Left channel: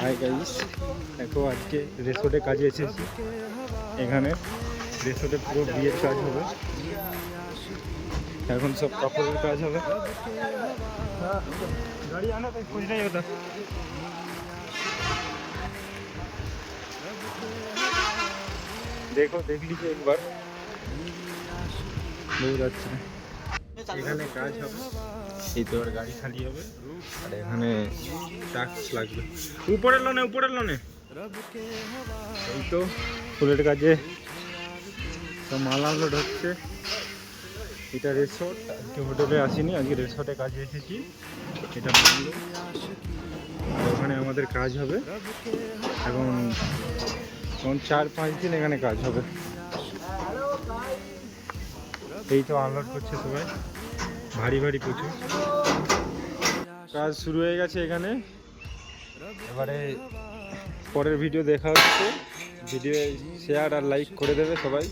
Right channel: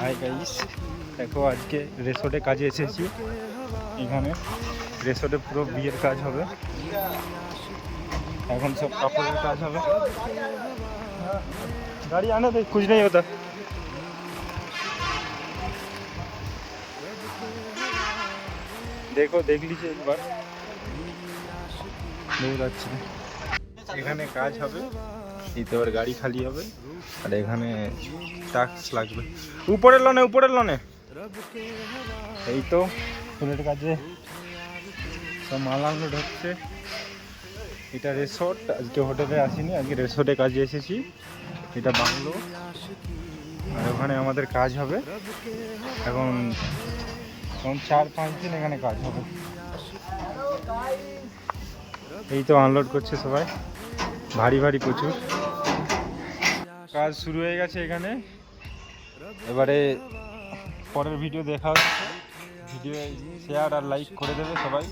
Hi guys, দেখো আজকে রেসর্টে কাজে এসেছি। এখানে রেসর্টে পুরো বিয়ের কাজ হবে। এখন সব কাপড়ের কাজ হবে। গাড়ি আনে তো कुछ नहीं होता। দেখো দেখ लीजिए একবার, बहुत अच्छा। এখানে কাজ হবে, এই তো আর গাড়ি খালি হবে আর এখানে টাক্স লাগবে। উপরের লনে এই তো ফুলের কাজে সব মাল আনলোড হচ্ছে। এটা রিসোর্ট, আজকে হোটেলে আসিনি, আজকে রিসোর্টে কাজে এসেছি। এটা বাংলো আর ওখানে আমাদের কাজ হবে। এখন 4-5 দিন এখানে কাজ হবে। এই তো আনলোড করছে সবাই, ভারী ভারী প্রচুর কাজ শুরু হয়ে গেছে এখানে। এবারে পরের ভিডিও দেখা হচ্ছে। ভিডিও শেয়ার আর লাইক করে দেবে সবাই।